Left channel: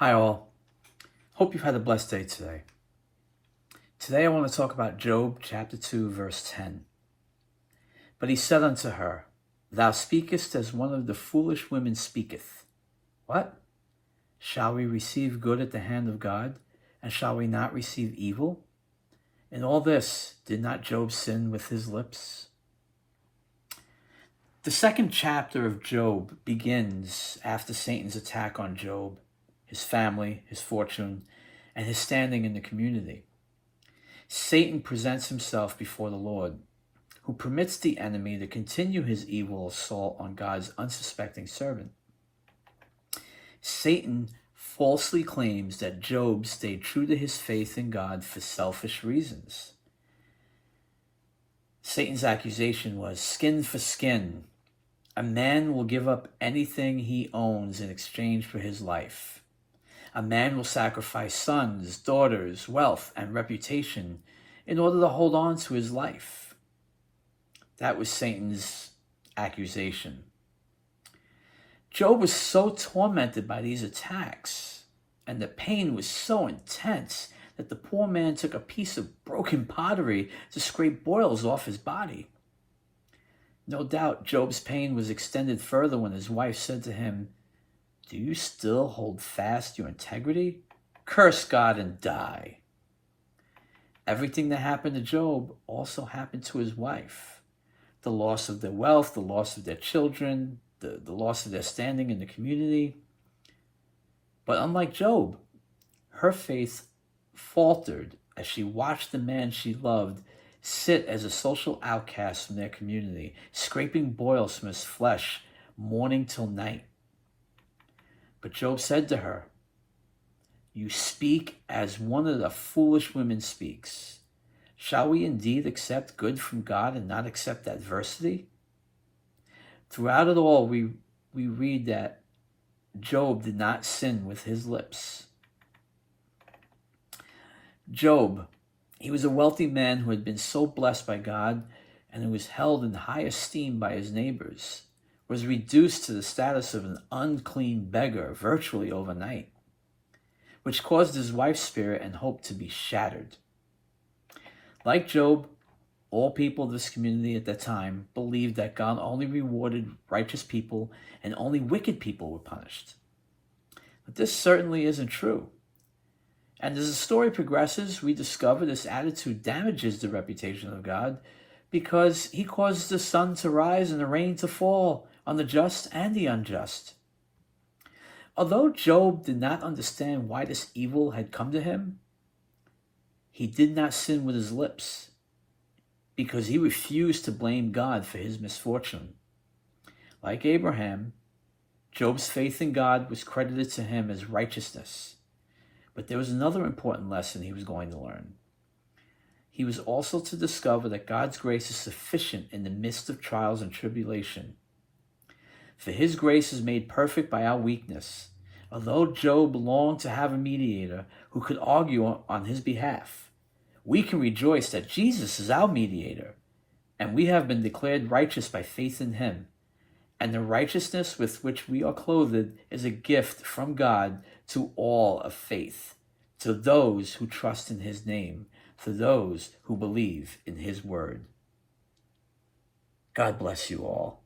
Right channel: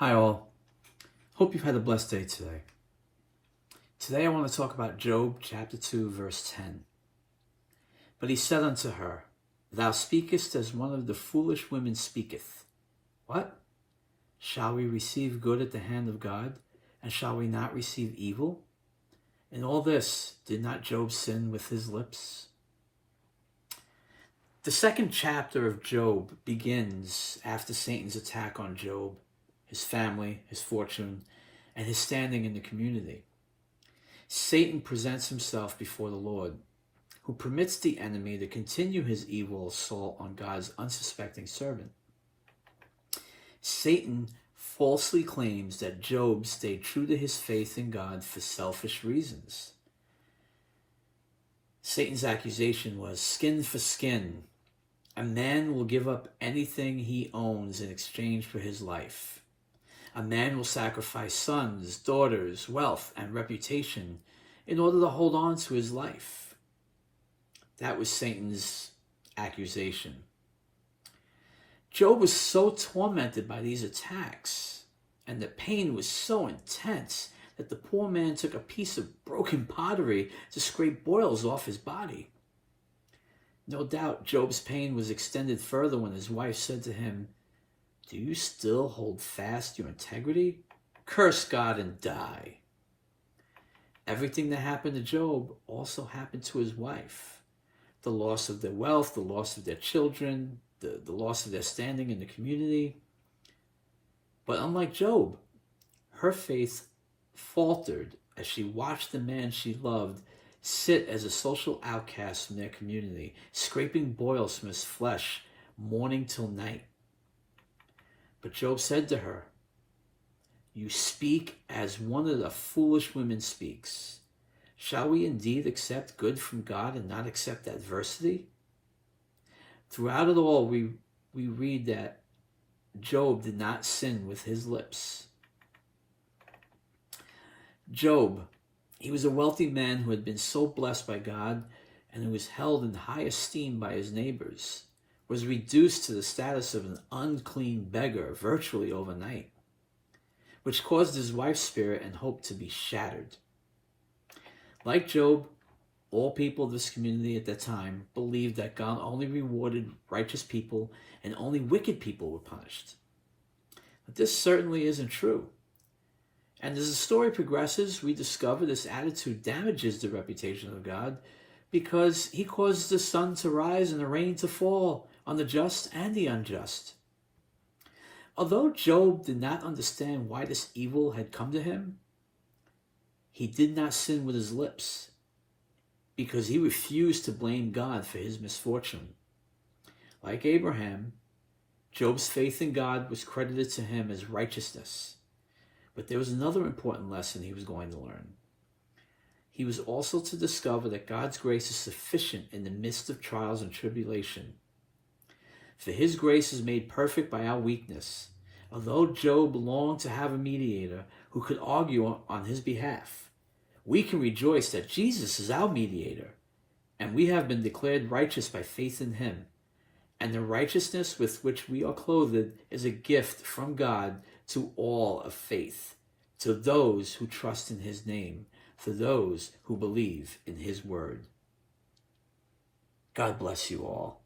Hi all. Hope you've had a blessed day today. Today I want to talk about Job chapter 2 verse 10. But he said unto her, Thou speakest as one of the foolish women speaketh. What? Shall we receive good at the hand of God, and shall we not receive evil? In all this did not Job sin with his lips? The second chapter of Job begins after Satan's attack on Job, his family, his fortune, and his standing in the community. Satan presents himself before the Lord, who permits the enemy to continue his evil assault on God's unsuspecting servant. Satan falsely claims that Job stayed true to his faith in God for selfish reasons. Satan's accusation was skin for skin. A man will give up anything he owns in exchange for his life. A man will sacrifice sons, daughters, wealth, and reputation in order to hold on to his life. That was Satan's accusation. Job was so tormented by these attacks, and the pain was so intense that the poor man took a piece of broken pottery to scrape boils off his body. No doubt Job's pain was extended further when his wife said to him, Do you still hold fast your integrity? Curse God and die. Everything that happened to Job also happened to his wife. The loss of their wealth, the loss of their children, the loss of their standing in the community. But unlike Job, her faith faltered as she watched the man she loved sit as a social outcast from their community, scraping boils from his flesh morning till night. But Job said to her, You speak as one of the foolish women speaks. Shall we indeed accept good from God and not accept adversity? Throughout it all, we read that Job did not sin with his lips. Job, he was a wealthy man who had been so blessed by God and who was held in high esteem by his neighbors, was reduced to the status of an unclean beggar virtually overnight, which caused his wife's spirit and hope to be shattered. Like Job, all people of this community at that time believed that God only rewarded righteous people and only wicked people were punished. But this certainly isn't true. And as the story progresses, we discover this attitude damages the reputation of God because he causes the sun to rise and the rain to fall on the just and the unjust. Although Job did not understand why this evil had come to him, he did not sin with his lips because he refused to blame God for his misfortune. Like Abraham, Job's faith in God was credited to him as righteousness. But there was another important lesson he was going to learn. He was also to discover that God's grace is sufficient in the midst of trials and tribulation. For his grace is made perfect by our weakness. Although Job longed to have a mediator who could argue on his behalf, we can rejoice that Jesus is our mediator, and we have been declared righteous by faith in him. And the righteousness with which we are clothed is a gift from God to all of faith, to those who trust in his name, to those who believe in his word. God bless you all.